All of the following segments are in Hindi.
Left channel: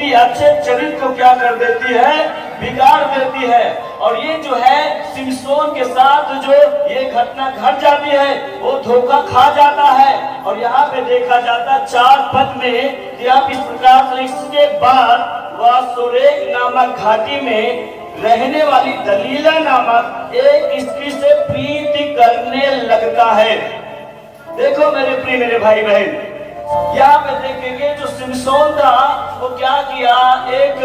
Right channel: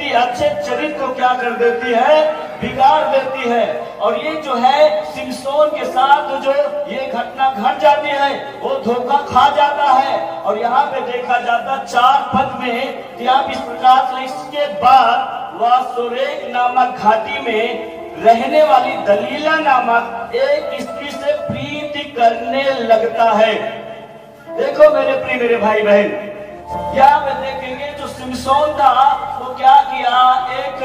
व्यक्ति अच्छे चरित्र को क्या कर देती है, बिगाड़ देती है। और ये जो है सिमसोन के साथ जो ये घटना घट जाती है, वो धोखा खा जाता है। और यहाँ पे देखा जाता 4 पद में कि आप इस प्रकार से, इसके बाद वह सोरेक नामक घाटी में रहने वाली दलीला नामक एक स्त्री से प्रीति करने लगता है। देखो मेरे प्रिय मेरे भाई बहन, यहाँ पे देखेंगे जो सिमसोन था वो क्या किया, एक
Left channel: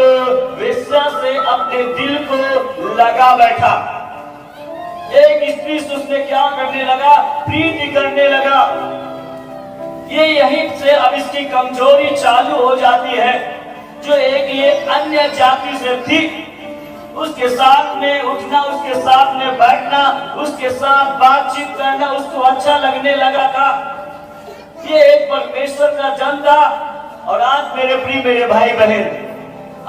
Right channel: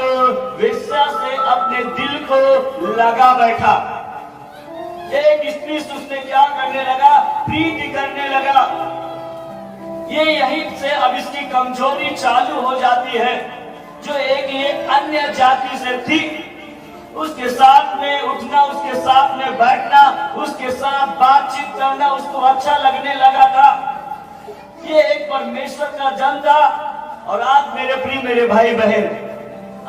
वेश्या से अपने दिल को लगा बैठा। एक स्त्री से उसने क्या करने लगा, प्रीति करने लगा। ये यहीं से अब इसकी कमजोरी चालू हो जाती है। जो एक ये अन्य जाति से थी, उसके साथ में उठना, उसके साथ में बैठना, उसके साथ बातचीत करना उसको अच्छा लगने लगा था। ये एक परमेश्वर का जन था। और आज मेरे प्रिय मेरे भाई बहन,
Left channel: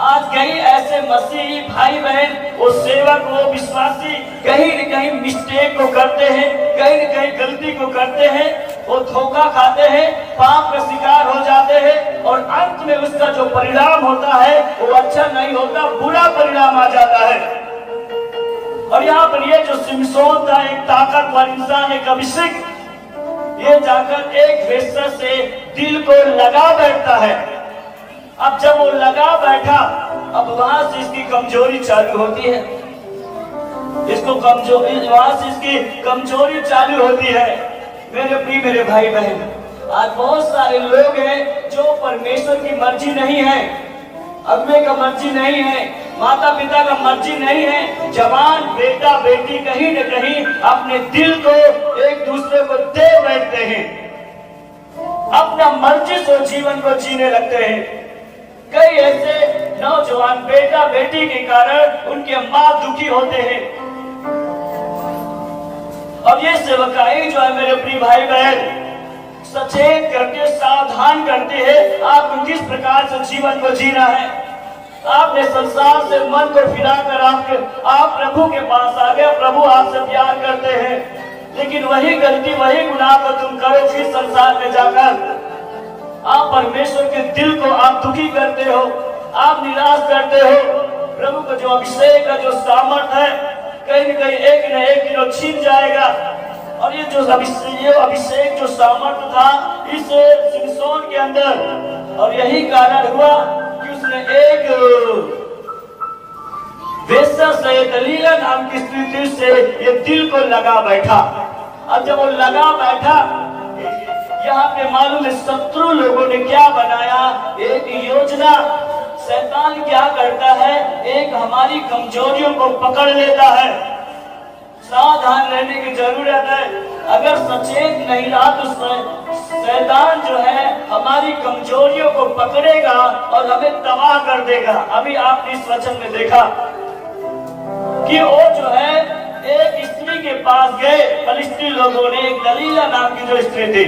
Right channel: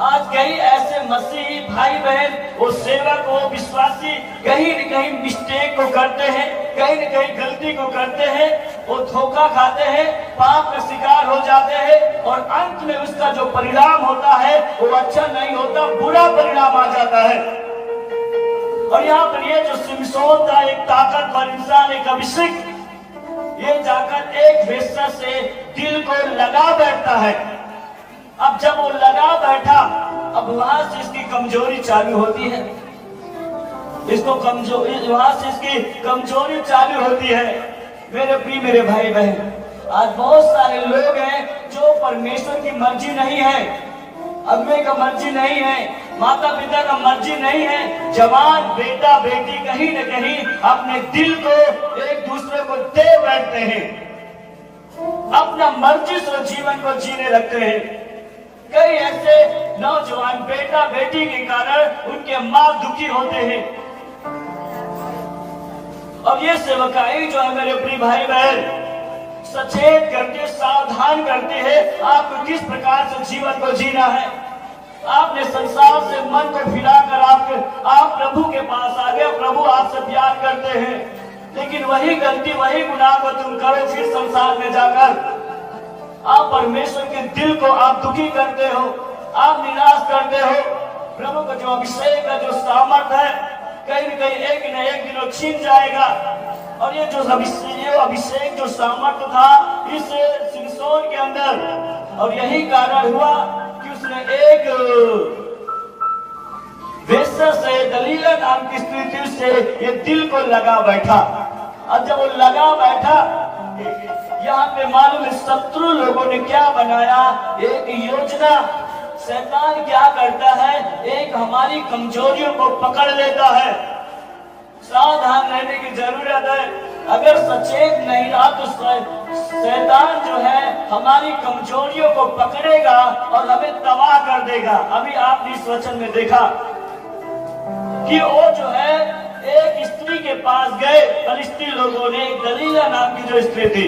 आज कई ऐसे मसीही भाई बहन, वो सेवक, वो विश्वासी कहीं न कहीं मिस्टेक को करते हैं, कहीं न कहीं गलती को करते हैं, वो धोखा खाते हैं, पाप का शिकार हो जाते हैं और अंत में उसका जो परिणाम होता है वो अच्छा नहीं होता, बुरा परिणाम आ जाता है। और यहाँ पर ये जो सिमसोन था, एक ताकतवर इंसान, एक अभिषेक, ये जाकर एक वेश्या से दिल को लगा बैठता है। अब जब वो लगा बैठा, अब वहां से इसकी कमजोरी चालू होती है, इसको कमजोरी, वहां से इसकी कमजोरी चालू होती है। मेरे प्रिय मेरे भाई बहन, आज बहुत सारे लोग हैं जो परमेश्वर की मर्जी नहीं है, अगुवे का मर्जी नहीं है, माता पिता का मर्जी नहीं है, जवान बेटा बेटी कहीं न कहीं अपने दिल को एक दूसरे को दे बैठते हैं, अपना मर्जी से जीवन को जीने लगते हैं। कई ऐसे नौजवान बेटा बेटी के कारण उनके माँ दुखी होते हैं। और ये सेवकाई जो है मेरे प्रिय भाई बहन, सचेत करके सावधान करते हैं आपको किस प्रकार से जीवन को जीना है। आपने संसार से मन को फिराकर आप प्रभु के पास आ गए, प्रभु आपसे प्यार करते हैं, लेकिन वही गलती, वही गुनाह को तुम करो फिर संसार में जाकर। आप परमेश्वर के दिल को आप दुखी करते हो, आप निराश करते हो। प्रभु का जो अभिषेक का जो सामर्थ है कहीं न कहीं एक न एक दिन छीन जाएगा। और ये जो अभिषेक जो सामर्थ था इस सिमसोन के अंदर, और यही कारण हुआ कि उसने एक वेश्या से, दलीला नाम की स्त्री से ये दिल को लगा बैठा। अब जब वो लगा बैठा, यहाँ पे मालूम है शत्रु लोगों ने क्या बनाया, एक योजना। शैतान क्या करता है, एक हमारी कमजोरियों को पकड़ लेता है। सावधान रहने की जरूरत है। अगर सचेत नहीं रहा तो शैतान जो है हमारी कमजोरियों को पकड़ेगा और हमें तबाह कर देगा। अभी आपने इस वचन में देखा कि वो जो है एक स्त्री के पास गए, फलिस्ती लोगों ने, दलीला नाम की जो स्त्री थी,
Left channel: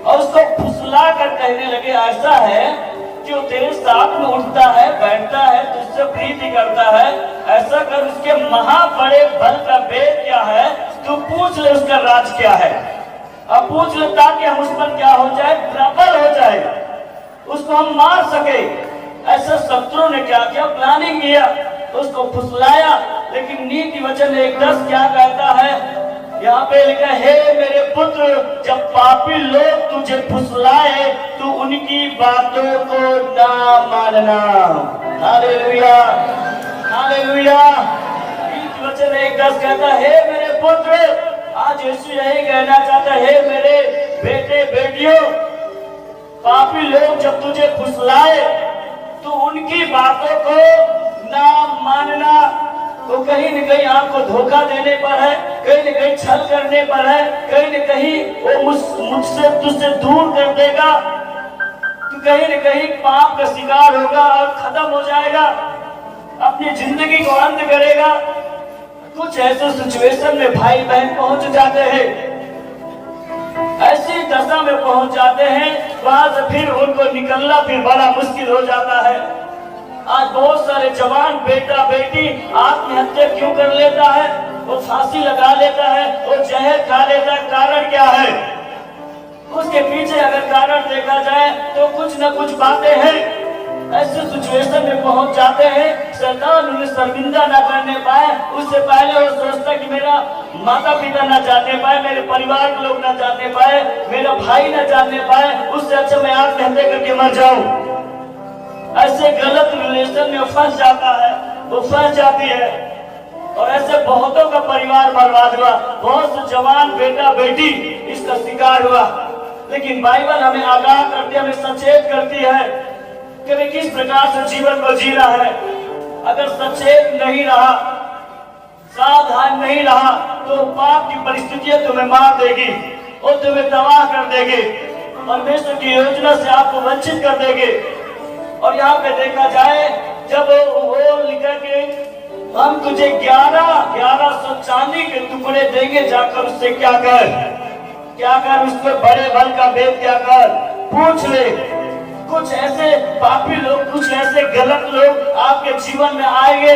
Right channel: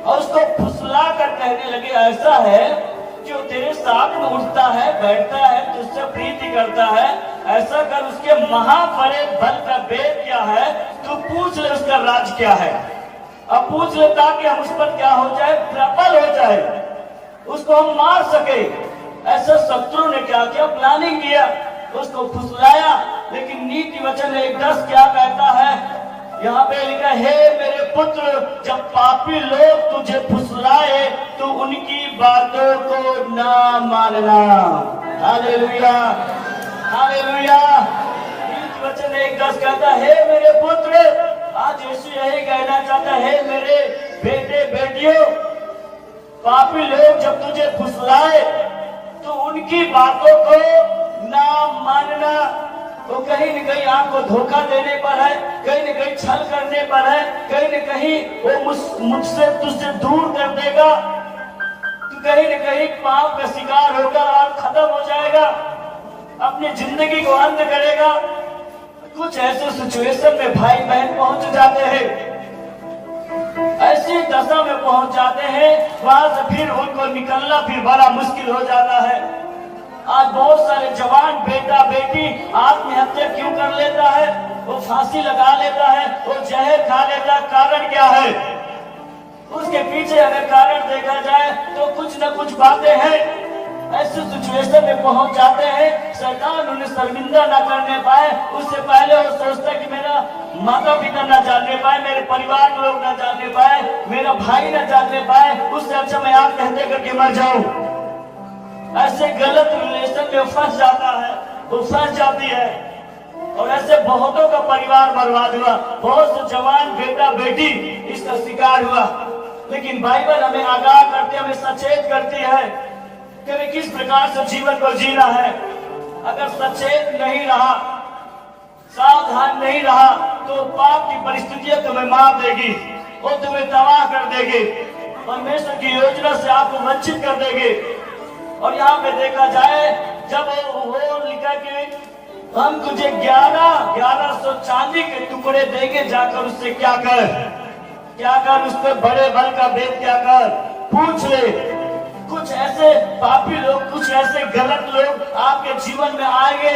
और उसको फुसला कर कहने लगे, ऐसा है जो तेरे साथ में उठता है, बैठता है, तुझसे प्रीति करता है, ऐसा कर, उसके महाबड़े बल का भेद क्या है, तू पूछ ले उसका राज क्या है। अब पूछ ले ताकि हम उस पर क्या हो जाए, प्रबल हो जाए, उसको हम मार सके। ऐसा शत्रु ने क्या किया, प्लानिंग किया, तो उसको फुसलाया। लेकिन नीति वचन 1:10 क्या कहता है, यहाँ पे लिखा है, हे मेरे पुत्र, जब पापी लोग तुझे फुसलाए तो उनकी बातों को ना मानना। Hallelujah, hallelujah. नीति वचन 1:10 कहता है, हे मेरे पुत्र, आज यीशु यही कहना चाहता है, हे मेरे बेटे बेटियों, पापी लोग जब तुझे फुसलाए तो उनकी बातों को ना मानना। तो कहीं न कहीं आपको धोखा देने पर है, कहीं न कहीं छल करने पर है, कहीं न कहीं वो मुझसे तुझसे दूर कर देगा, तो कहीं न कहीं पाप का शिकार होगा और खत्म हो जाएगा, अपनी जिंदगी को अंत करेगा। कुछ ऐसे सिचुएशन में भाई बहन पहुंच जाते हैं, ऐसी दशा में पहुंच जाते हैं, वहां से फिर उनको निकलना फिर बड़ा मुश्किल हो जाता है। आज बहुत सारे जवान बेटा बेटी आत्महत्या क्यों कर लेता है, वो फांसी लगा लेता है, वो जहर खा लेता है। कारण क्या है, उसके पीछे अगर कारण देखा जाए तो कुछ न कुछ बातें हैं। ऐसे सिचुएशन में पहुंच जाते हैं, शैतान उन्हें शर्मिंदा न करने पाए उससे पहले वो सोचता कि मेरा माता पिता न जानने पाए, मेरे परिवार के लोग न जानने पाए, मेरा भाई न जानने पाए, उससे अच्छा मैं आत्महत्या करके मर जाऊं। ऐसे गलत रिलेशन में फंस जाता है, वो फंस जाती है, और ऐसे बहुतों का परिवार बर्बाद हुआ, बहुत से जवान बेटा बेटी इसका शिकार हुआ। लेकिन बाइबल हमें आगाह करती है, हमें सचेत करती है कि हमें किस प्रकार से जीवन को जीना है। अगर सचेत नहीं रहा, सावधान नहीं रहा, तो पाप की परिस्थितियां तुम्हें मार देगी, वो तुम्हें तबाह कर देगी, परमेश्वर की योजना से आपको वंचित कर देगी। और यहाँ पे देखा जाए, जब वो लिखा कि हम तुझे 1100 चांदी के टुकड़े देंगे, जाकर उससे क्या कर उसके बड़े बल का भेद क्या कर, पूछ ले। कुछ ऐसे पापी लोग, कुछ ऐसे गलत लोग आपके जीवन में आएंगे,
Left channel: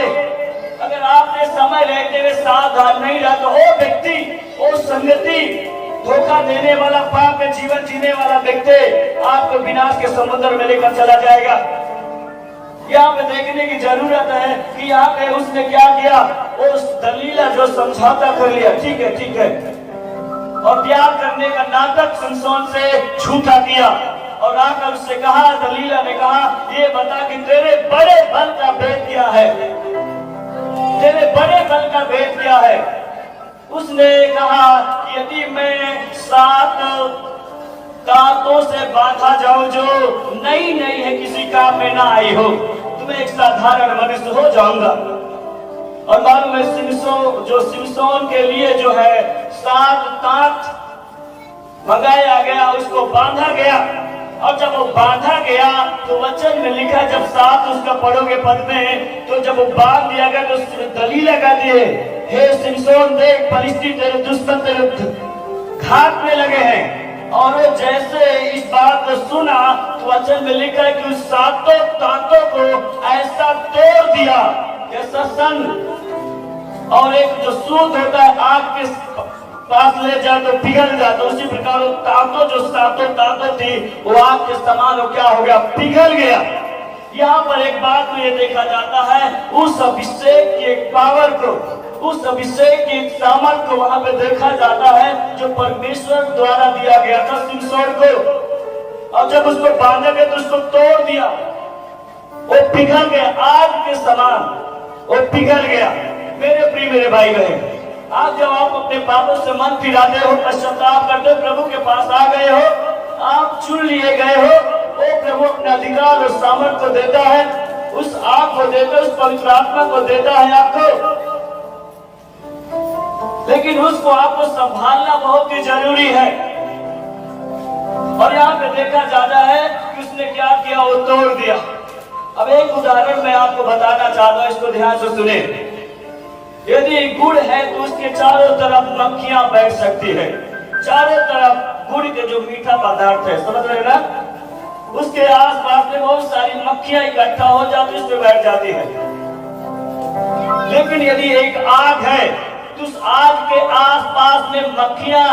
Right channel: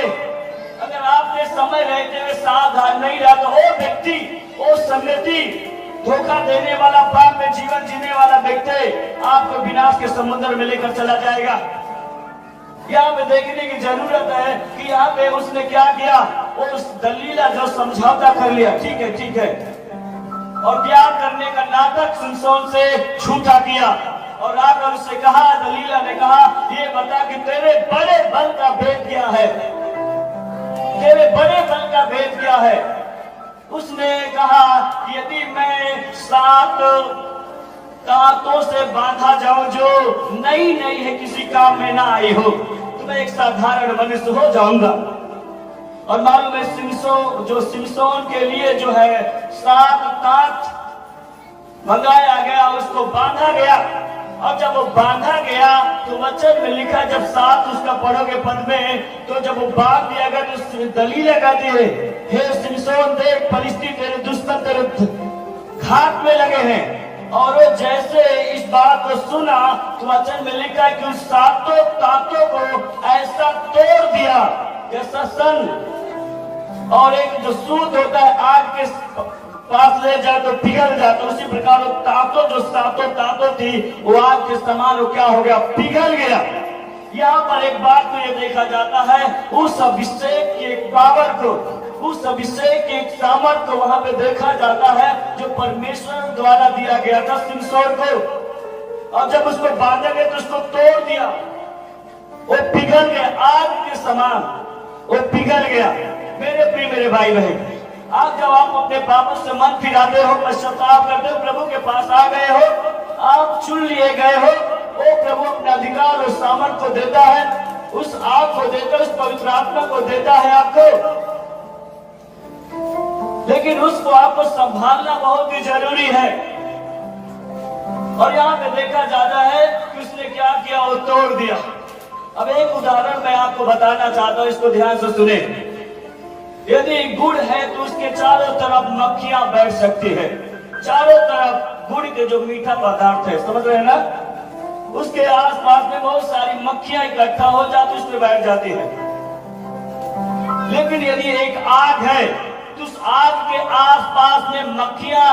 अगर आपने समय लेते हुए सावधान नहीं रहा तो वो व्यक्ति, वो संगति, धोखा देने वाला, पाप में जीवन जीने वाला व्यक्ति आपको विनाश के समुद्र में लेकर चला जाएगा। यहाँ पे देखने की जरूरत है कि यहाँ पे उसने क्या किया, उस दलीला जो समझौता कर लिया, ठीक है, और प्यार करने का नाटक सिमसोन से झूठा किया, और आकर उससे कहा, दलीला ने कहा, ये बता कि तेरे बड़े बल का भेद क्या है, तेरे बड़े बल का भेद क्या है। उसने कहा कि यदि मैं 7 तांतों से बांधा जाऊं जो नई है, किसी काम में ना आई हो, तो मैं एक साधारण मनुष्य हो जाऊंगा। और मालूम है सिमसोन के लिए जो है 7 तांत भगाया गया, उसको बांधा गया। और जब वो बांधा गया तो वचन में लिखा, जब 7 उसका पढ़ोगे पद में, तो जब वो बांध दिया गया तो उसने दलील लगा दिए, हे सिमसोन देख, फलिस्ती तेरे दुश्मन तेरे घात में लगे हैं। और वो जैसे इस बात को सुना तो वचन में लिखा है कि उस 7 तांतों को ऐसा तोड़ दिया जैसा सन, और एक जो सूत होता है आग के पास ले जाए तो पिघल जाता, उसी प्रकार वो तांतों, जो 7 तांतों थी, वो आग के समान वो क्या हो गया, पिघल गया। यहाँ पर एक बात को ये देखा जाता है, उस अभिषेक की एक पावर को, उस अभिषेक की सामर्थ को वहां पे देखा जाता है जो परमेश्वर द्वारा दिया गया था सिमसोन को। और जब उसको बांधा गया तो उसको तोड़ दिया, वो पिघल गया, आग के समान वो पिघल गया। मेरे प्रिय मेरे भाई बहन, आप जब आप अपने पापों से मन फिराते हो, पश्चाताप करते हो, प्रभु के पास आ गए हो, आप चुन लिए गए हो, वो प्रभु अपने अधिकार और सामर्थ्य को देता है, उस आग को देता है, उस पवित्र आत्मा को देता है आपको। लेकिन उसको आपको संभालना बहुत ही जरूरी है। और यहाँ पे देखा जाता है कि उसने क्या किया, वो तोड़ दिया। अब एक उदाहरण मैं आपको बताना चाहता हूँ, इसको ध्यान से सुने। यदि गुड़ है तो उसके चारों तरफ मक्खियां बैठ सकती है, चारों तरफ गुड़ के जो मीठा पदार्थ है, समझ रहे हैं ना, उसके आसपास में बहुत सारी मक्खियां इकट्ठा हो जाती, उस पर बैठ जाती है। लेकिन यदि एक आग है तो उस आग के आसपास में मक्खियां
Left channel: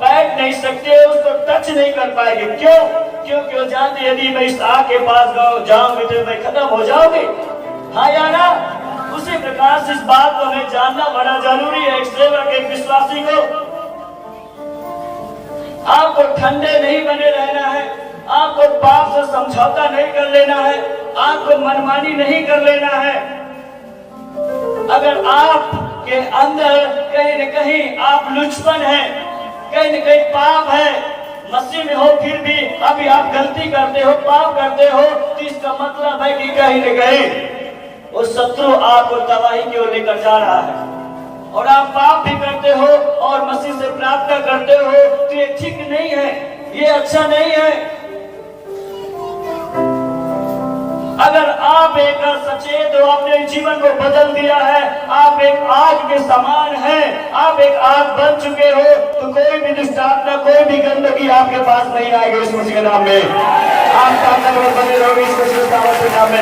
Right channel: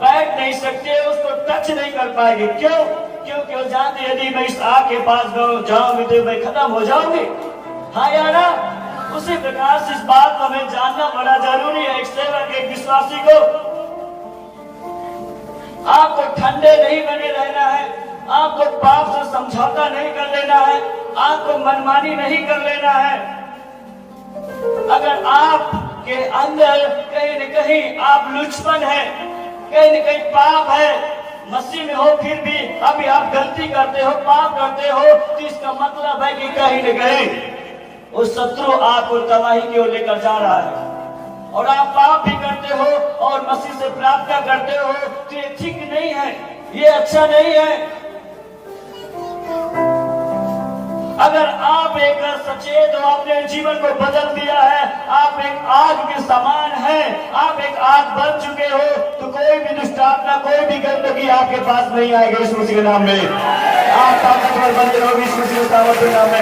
बैठ नहीं सकते, उसको टच नहीं कर पाएंगे। क्यों? क्योंकि वो जानते यदि मैं इस आग के पास जाऊंगी तो मैं खत्म हो जाऊंगी। हाँ या ना? उसी प्रकार से इस बात को हमें जानना बड़ा जरूरी है। एक सेवक, एक विश्वासी को आपको ठंडे नहीं बने रहना है, आपको पाप से समझौता नहीं कर लेना है, आपको मनमानी नहीं कर लेना है। अगर आपके अंदर कहीं न कहीं आप लुचपन है, कहीं न कहीं पाप है, मसीह में हो फिर भी अभी आप गलती करते हो, पाप करते हो, तो इसका मतलब है कि कहीं न कहीं वो शत्रु आपको तबाही की ओर लेकर जा रहा है। और आप पाप भी करते हो और मसीह से प्रार्थना करते हो, तो ये ठीक नहीं है, ये अच्छा नहीं है। अगर आप एक सचेत हो, आपने जीवन को बदल दिया है, आप एक आग के समान हैं, आप एक आग बन चुके हो, तो कोई भी दुष्ट आत्मा, कोई भी गंदगी आपके पास नहीं आएगी। यीशु मसीह के नाम में आप ताकतवर बने रहोगे, यीशु मसीह के नाम में।